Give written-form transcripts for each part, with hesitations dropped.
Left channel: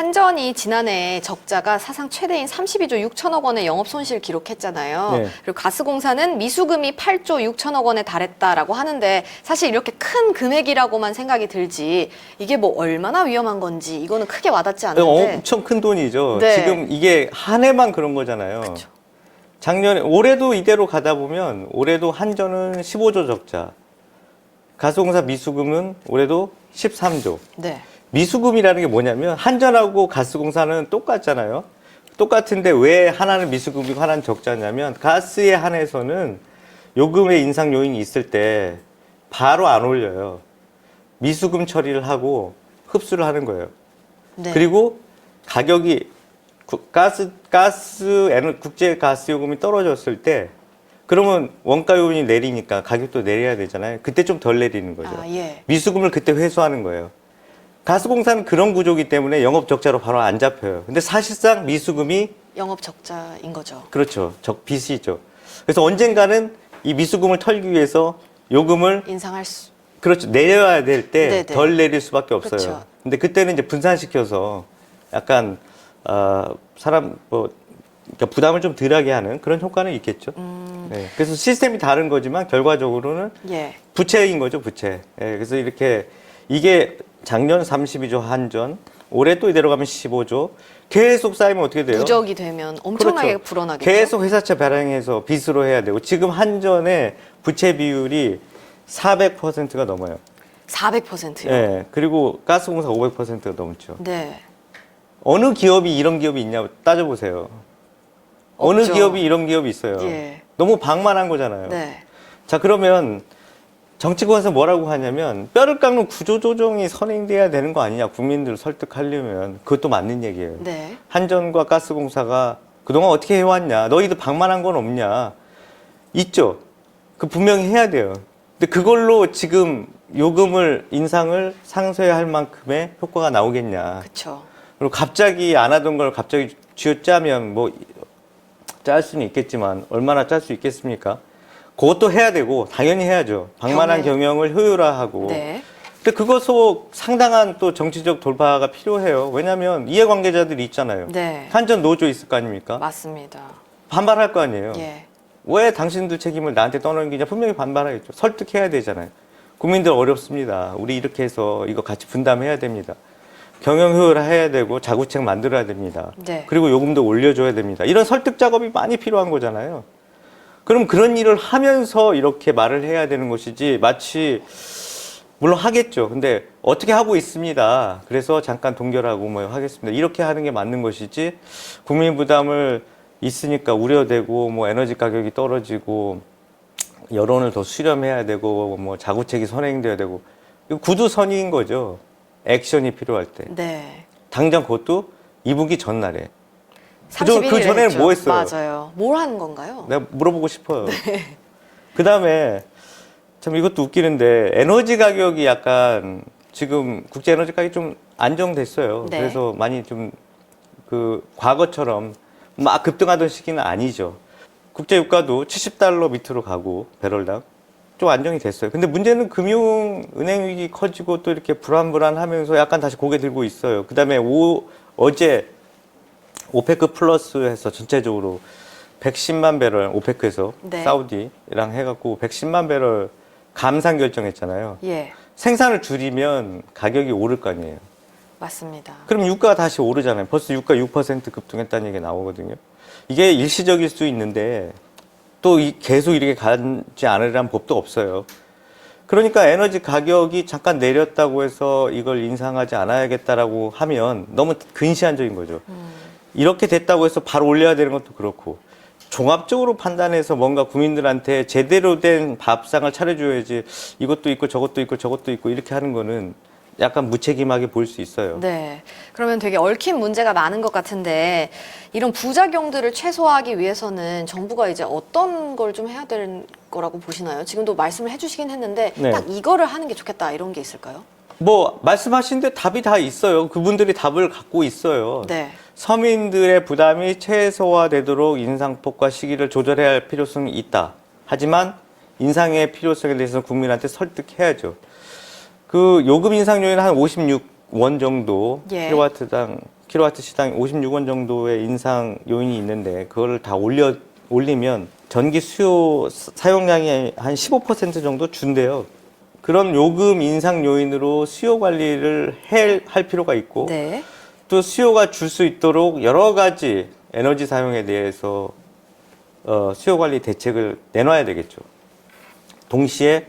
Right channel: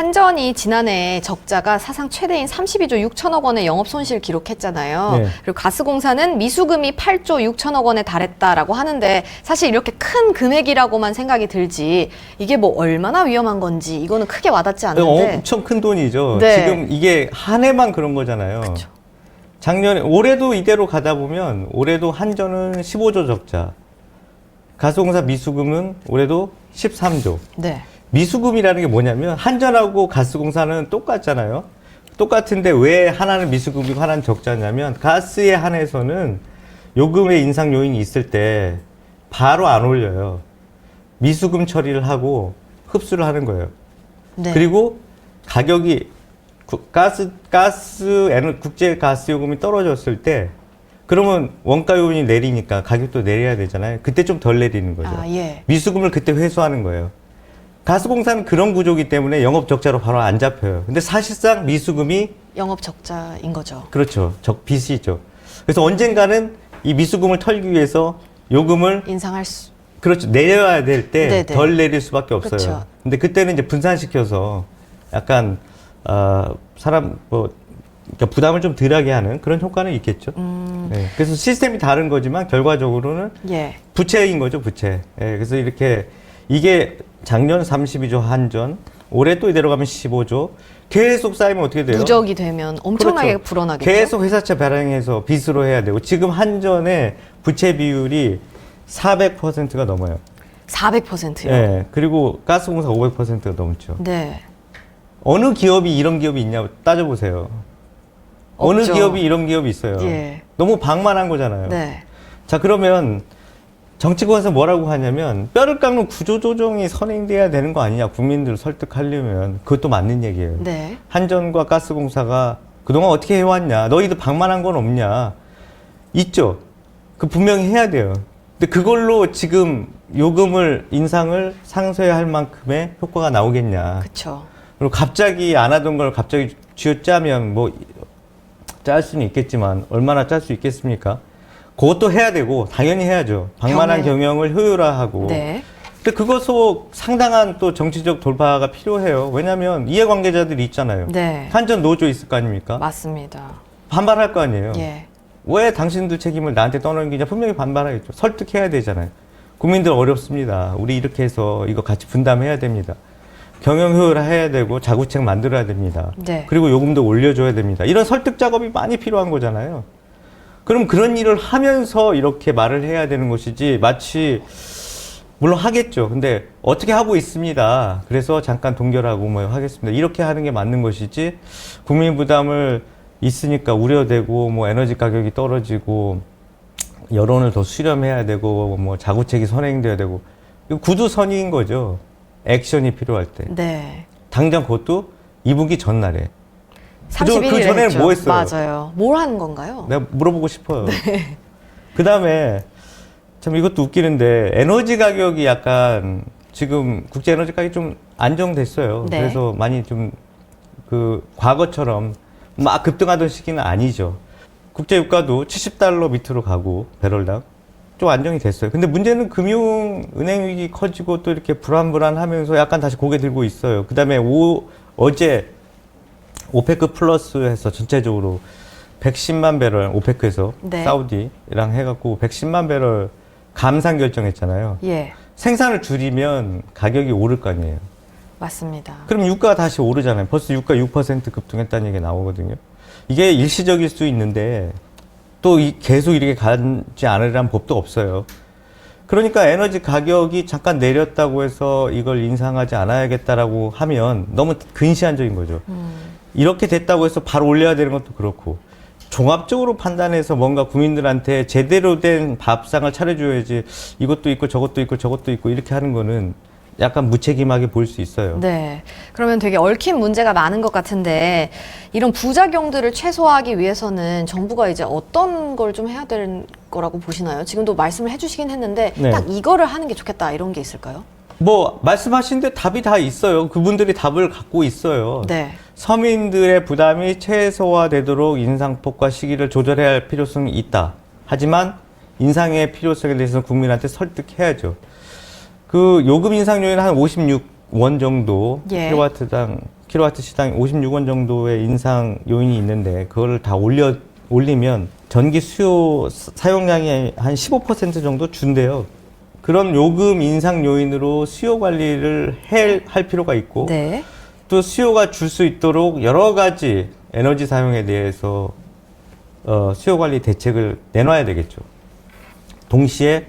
한전이 지난해 적자가 사상 최대인 32조 6천억 원의 영업 손실 기록했잖아요. 네. 그리고 가스공사는 미수금이 8조 6천억 원에 달했다라고 하는데 사실 이렇게 큰 금액이라고만 생각이 들지 이게 뭐 얼마나 위험한 건지 이거는 크게 와닿지 않는데. 엄청 큰 돈이죠. 네. 지금 이게 한 해만 그런 거잖아요. 그쵸. 작년에 올해도 이대로 가다 보면 올해도 한전은 15조 적자. 가스공사 미수금은 올해도 13조. 네. 미수금이라는 게 뭐냐면 한전하고 가스공사는 똑같잖아요. 똑같은데 왜 하나는 미수금이고 하나는 적자냐면 가스에 한해서는 요금의 인상 요인이 있을 때 바로 안 올려요. 미수금 처리를 하고 흡수를 하는 거예요. 네. 그리고 가격이 국제 가스 요금이 떨어졌을 때 그러면 원가 요인이 내리니까 가격도 내려야 되잖아요. 그때 좀 덜 내리는 거죠. 아, 예. 미수금을 그때 회수하는 거예요. 가스공사는 그런 구조이기 때문에 영업 적자로 바로 안 잡혀요. 근데 사실상 미수금이 영업 적자인 거죠. 그렇죠. 빚이죠. 그래서 언젠가는 이 미수금을 털기 위해서 요금을 인상할 수. 그렇죠. 내려야 될 때 네네. 덜 내릴 수밖에 없어요. 그렇죠. 근데 그때는 이제 분산시켜서 약간 사람 그러니까 부담을 좀 덜하게 하는 그런 효과는 있겠죠. 네. 그래서 시스템이 다른 거지만 결과적으로는 예. 부채인 거죠, 부채. 예, 그래서 이렇게 이게 작년 32조 한전, 올해 또 이대로 가면 15조. 계속 쌓이면 어떻게 돼요? 누적이 되면 엄청나게 그렇죠. 불어나겠죠. 계속 회사채 발행해서 빚으로 해야 되고 지금 한전의 부채 비율이 400%가 넘어요. 400%요. 예. 그리고 가스공사 500%가 넘죠. 네. 어느 기업이 이런 기업이 있냐 따져보세요. 어느 없죠. 기업이 이런 기업이 있어요. 예. 너무 방만한 거잖아요. 네. 자, 그러면 정치권에서 뭐라고 하냐면 뼈를 깎는 구조조정이 선행돼야 되는 거 아니냐. 국민들을 설득하려면 그것도 맞는 얘기예요. 네. 한전과 가스공사가 그동안 어떻게 해왔냐. 너희들 방만한 건 없냐. 있죠. 그 분명히 해야 돼요. 근데 그걸로 지금 요금을 인상을 상쇄할 만큼의 효과가 나오겠냐. 그렇죠. 그리고 갑자기 안 하던 걸 갑자기 쥐어짜면 뭐 짤 수는 있겠지만 얼마나 짤 수 있겠습니까? 그것도 해야 되고 당연히 해야죠. 방만한 경영을 효율화하고. 네. 근데 그것도 상당한 또 정치적 돌파가 필요해요. 왜냐하면 이해관계자들이 있잖아요. 네. 한전 노조 있을 거 아닙니까? 맞습니다. 반발할 거 아니에요. 예. 왜 당신들 책임을 나한테 떠넘기냐? 분명히 반발하겠죠. 설득해야 되잖아요. 국민들 어렵습니다. 우리 이렇게 해서 이거 같이 분담해야 됩니다. 경영 효율화해야 되고 자구책 만들어야 됩니다. 네. 그리고 요금도 올려줘야 됩니다. 이런 설득 작업이 많이 필요한 거잖아요. 그럼 그런 일을 하면서 이렇게 말을 해야 되는 것이지 마치 물론 하겠죠. 근데 어떻게 하고 있습니다. 그래서 잠깐 동결하고 뭐 하겠습니다. 이렇게 하는 게 맞는 것이지 국민 부담을 있으니까 우려되고 뭐 에너지 가격이 떨어지고 여론을 더 수렴해야 되고 뭐 자구책이 선행돼야 되고 이거 구두선의인 거죠. 액션이 필요할 때. 네. 당장 그것도 2분기 전날에. 31일 그 전에는 했죠. 뭐 했어요? 맞아요. 뭘 하는 건가요? 내가 물어보고 싶어요. 그 다음에 참 이것도 웃기는데 에너지 가격이 약간 지금 국제 에너지 가격이 좀 안정됐어요. 네. 그래서 많이 좀 그 과거처럼 막 급등하던 시기는 아니죠. 국제 유가도 70달러 밑으로 가고 배럴당 좀 안정이 됐어요. 근데 문제는 금융 은행 위기 커지고 또 이렇게 불안불안하면서 약간 다시 고개 들고 있어요. 그다음에 어제 오페크 플러스에서 전체적으로 110만 배럴 오페크에서 네. 사우디랑 해갖고 110만 배럴 감산 결정했잖아요. 예. 생산을 줄이면 가격이 오를 거 아니에요. 맞습니다. 그럼 유가가 다시 오르잖아요. 벌써 유가 6% 급등했다는 얘기가 나오거든요. 이게 일시적일 수 있는데 또 계속 이렇게 가지 않으려는 법도 없어요. 그러니까 에너지 가격이 잠깐 내렸다고 해서 이걸 인상하지 않아야겠다라고 하면 너무 근시안적인 거죠. 이렇게 됐다고 해서 바로 올려야 되는 것도 그렇고 종합적으로 판단해서 뭔가 국민들한테 제대로 된 밥상을 차려줘야지 이것도 있고 저것도 있고 저것도 있고 이렇게 하는 거는 약간 무책임하게 보일 수 있어요. 네. 그러면 되게 얽힌 문제가 많은 것 같은데 이런 부작용들을 최소화하기 위해서는 정부가 이제 어떤 걸 좀 해야 될 거라고 보시나요? 지금도 말씀을 해주시긴 했는데 네. 딱 이거를 하는 게 좋겠다 이런 게 있을까요? 뭐 말씀하신 데 답이 다 있어요. 그분들이 답을 갖고 있어요. 네. 서민들의 부담이 최소화되도록 인상폭과 시기를 조절해야 할 필요성이 있다. 하지만 인상의 필요성에 대해서는 국민한테 설득해야죠. 그 요금 인상 요인은 한 56원 정도 예. 킬로와트당 킬로와트 시당 56원 정도의 인상 요인이 있는데 그거를 다 올리면 전기 수요 사용량이 한 15% 정도 준대요. 그런 요금 인상 요인으로 수요 관리를 할 필요가 있고 네. 또 수요가 줄 수 있도록 여러 가지 에너지 사용에 대해서 수요 관리 대책을 내놔야 되겠죠. 동시에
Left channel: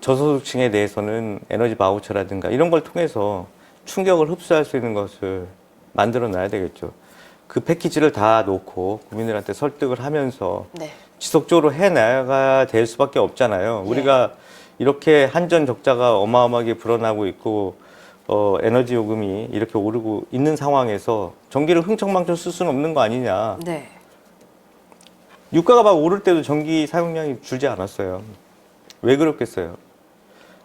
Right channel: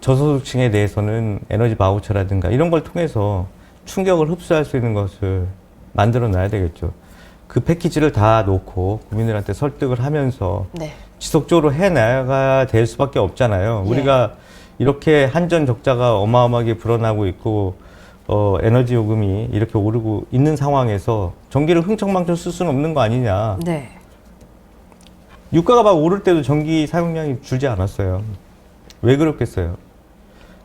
저소득층에 대해서는 에너지 바우처라든가 이런 걸 통해서 충격을 흡수할 수 있는 것을 만들어 놔야 되겠죠. 그 패키지를 다 놓고 국민들한테 설득을 하면서 네. 지속적으로 해나가야 될 수밖에 없잖아요. 예. 우리가 이렇게 한전 적자가 어마어마하게 불어나고 있고 에너지 요금이 이렇게 오르고 있는 상황에서 전기를 흥청망청 쓸 수는 없는 거 아니냐. 네. 유가가 막 오를 때도 전기 사용량이 줄지 않았어요. 왜 그렇겠어요?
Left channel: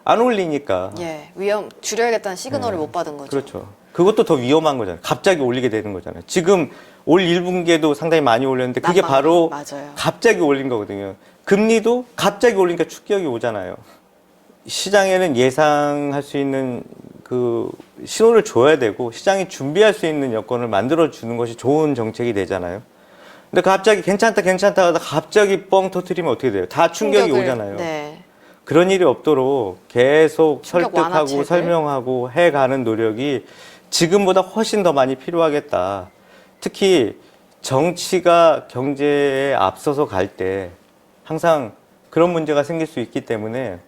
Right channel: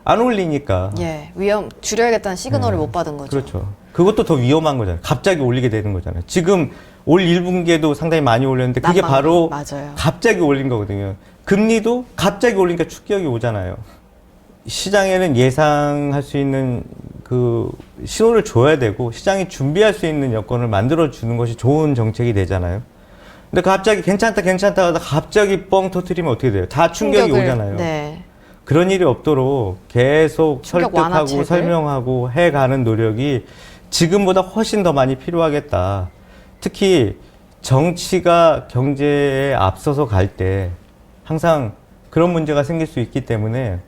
안 올리니까. 예. 위험 줄여야겠다는 시그널을 네. 못 받은 거죠. 그렇죠. 그것도 더 위험한 거잖아요. 갑자기 올리게 되는 거잖아요. 지금 올 1분기에도 상당히 많이 올렸는데 그게 난방비. 바로 맞아요. 갑자기 올린 거거든요. 금리도 갑자기 올리니까 충격이 오잖아요. 시장에는 예상할 수 있는 그 신호를 줘야 되고 시장이 준비할 수 있는 여건을 만들어 주는 것이 좋은 정책이 되잖아요. 근데 갑자기 괜찮다 하다 갑자기 뻥 터트리면 어떻게 돼요? 다 충격이 오잖아요. 네. 그런 일이 없도록 계속 충격 설득하고 완화책을? 설명하고 해가는 노력이 지금보다 훨씬 더 많이 필요하겠다. 특히 정치가 경제에 앞서서 갈 때 항상 그런 문제가 생길 수 있기 때문에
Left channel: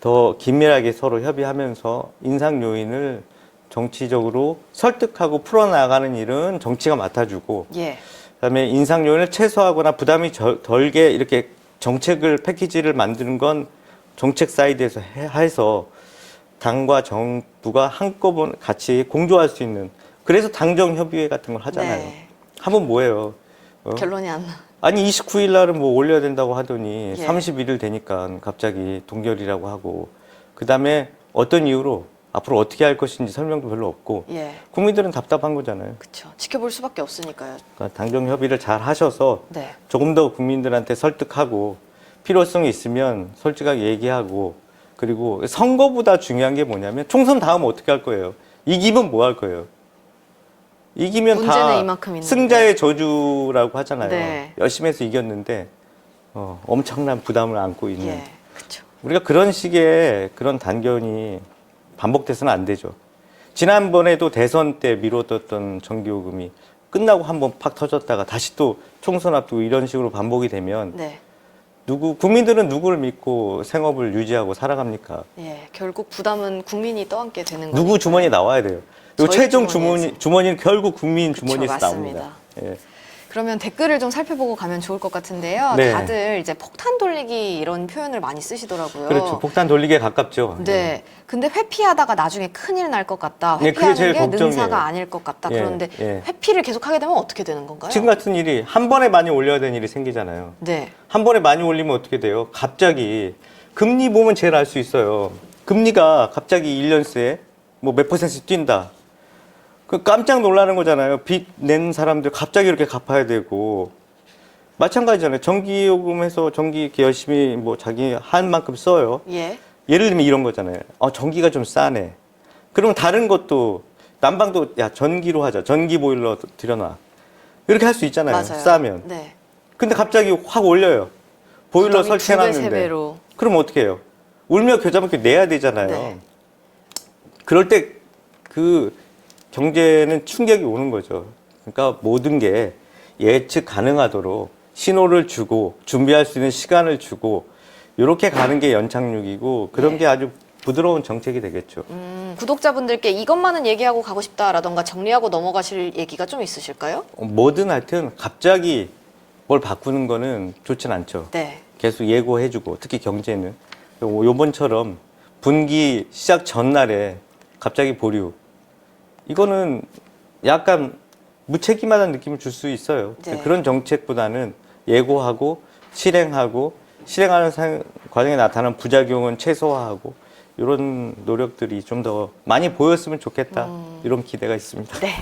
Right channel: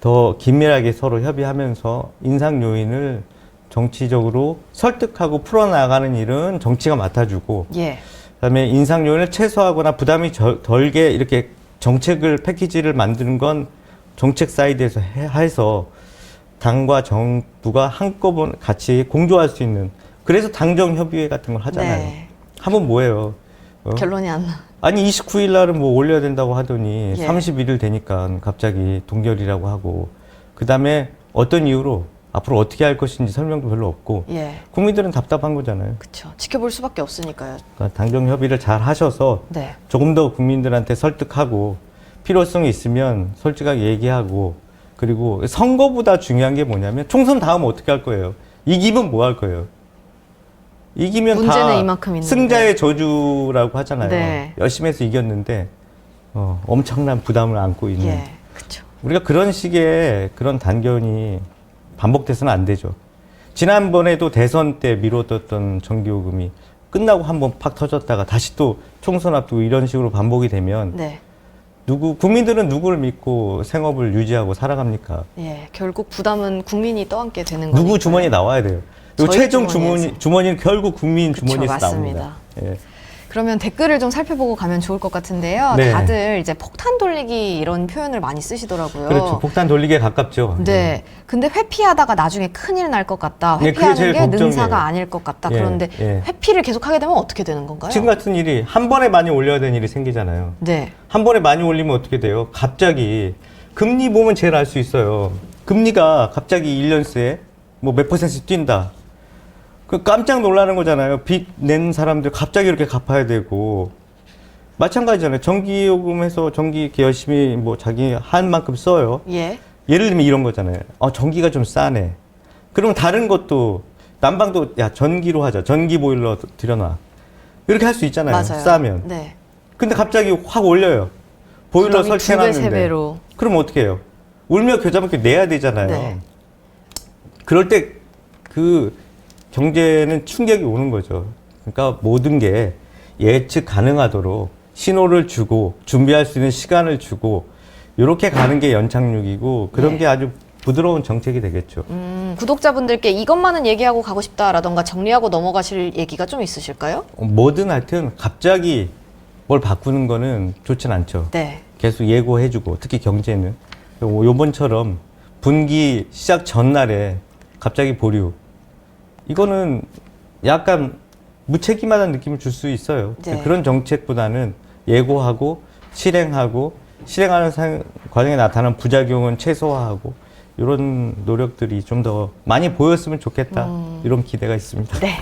더 긴밀하게 서로 협의하면서 인상 요인을 정치적으로 설득하고 풀어나가는 일은 정치가 맡아주고 예. 그다음에 인상 요인을 최소화하거나 부담이 덜게 이렇게 정책을 패키지를 만드는 건 정책 사이드에서 해서 당과 정부가 한꺼번에 같이 공조할 수 있는 그래서 당정 협의회 같은 걸 하잖아요. 네. 하면 뭐예요? 결론이 안 나. 아니 29일 날은 뭐 올려야 된다고 하더니 예. 31일 되니까 갑자기 동결이라고 하고 그다음에 어떤 이유로 앞으로 어떻게 할 것인지 설명도 별로 없고 예. 국민들은 답답한 거잖아요. 그렇죠. 지켜볼 수밖에 없으니까요. 그러니까 당정 협의를 잘 하셔서 네. 조금 더 국민들한테 설득하고 필요성이 있으면 솔직하게 얘기하고 그리고 선거보다 중요한 게 뭐냐면 총선 다음 어떻게 할 거예요? 이기면 뭐 할 거예요? 이기면 문제는 다 이만큼 있는데. 승자의 저주라고 하잖아요. 네. 열심히 해서 이겼는데 엄청난 부담을 안고 있는 예. 그렇죠. 우리가 그런 식의 그런 단견이 반복돼서는 안 되죠. 지난번에도 대선 때 미뤄뒀던 전기요금이 끝나고 한번 팍 터졌다가 다시 또 총선 앞두고 이런 식으로 반복이 되면 네. 국민들은 누구를 믿고 생업을 유지하고 살아갑니까? 예. 결국 부담은 국민이 떠안게 되는 거예요. 누구 주머니에 나와야 돼요. 그리고 저희 최종 주머니에서. 주머니는 결국 국민 그쵸, 주머니에서 맞습니다. 나옵니다. 예. 그러면 댓글을 좀 살펴보고 가면 좋을 것 같은데요. 네. 다들 이제 폭탄 돌리기 이런 표현을 많이 쓰시더라고요. 그렇죠. 폭탄 돌리기에 가깝죠. 네. 근데 회피하다가 나중에 큰일 날 것 같다. 네, 그게 회피하는 제일 게 걱정이에요. 능사가 아닐 것 같다. 예, 그런데 예. 회피를 계속 하게 되면 어떻게 되는 건가요? 지금 같은 일이 한 번에 많이 올려야 되는 일이 생기잖아요. 네. 한 번에 많이 올리면 어떻게 돼요? 갑자기 금리 보면 제일 알 수 있어요. 금리가 갑자기 1년 새에 뭐 몇 %씩 뛴다. 그 깜짝 놀라는 거잖아요. 빚 낸 사람들 갑자기 이렇게 갚아야 되고 마찬가지잖아요. 전기요금에서 전기 이렇게 열심히 뭐 자기 한 만큼 써요. 예. 예를 들면 이런 거잖아요. 전기가 좀 싸네. 그러면 다른 것도 난방도 야 전기로 하자. 전기 보일러 들여놔. 이렇게 할 수 있잖아요. 맞아요. 싸면. 네. 근데 갑자기 확 올려요. 보일러 부담이 설치해놨는데. 2배, 3배로. 그럼 어떻게 해요? 울며 겨자먹기 내야 되잖아요. 네. 그럴 때 그 경제는 충격이 오는 거죠. 그러니까 모든 게 예측 가능하도록 신호를 주고 준비할 수 있는 시간을 주고 이렇게 가는 게 연착륙이고 그런 네. 게 아주 부드러운 정책이 되겠죠. 구독자분들께 이것만은 얘기하고 가고 싶다라던가 정리하고 넘어가실 얘기가 좀 있으실까요? 뭐든 하여튼 갑자기 뭘 바꾸는 거는 좋진 않죠. 네. 계속 예고해주고 특히 경제는 요번처럼 분기 시작 전날에 갑자기 보류 이거는 약간 무책임하다는 느낌을 줄 수 있어요. 네. 그런 정책보다는 예고하고 실행하는 과정에 나타나는 부작용은 최소화하고 이런 노력들이 좀 더 많이 보였으면 좋겠다 이런 기대가 있습니다. 네.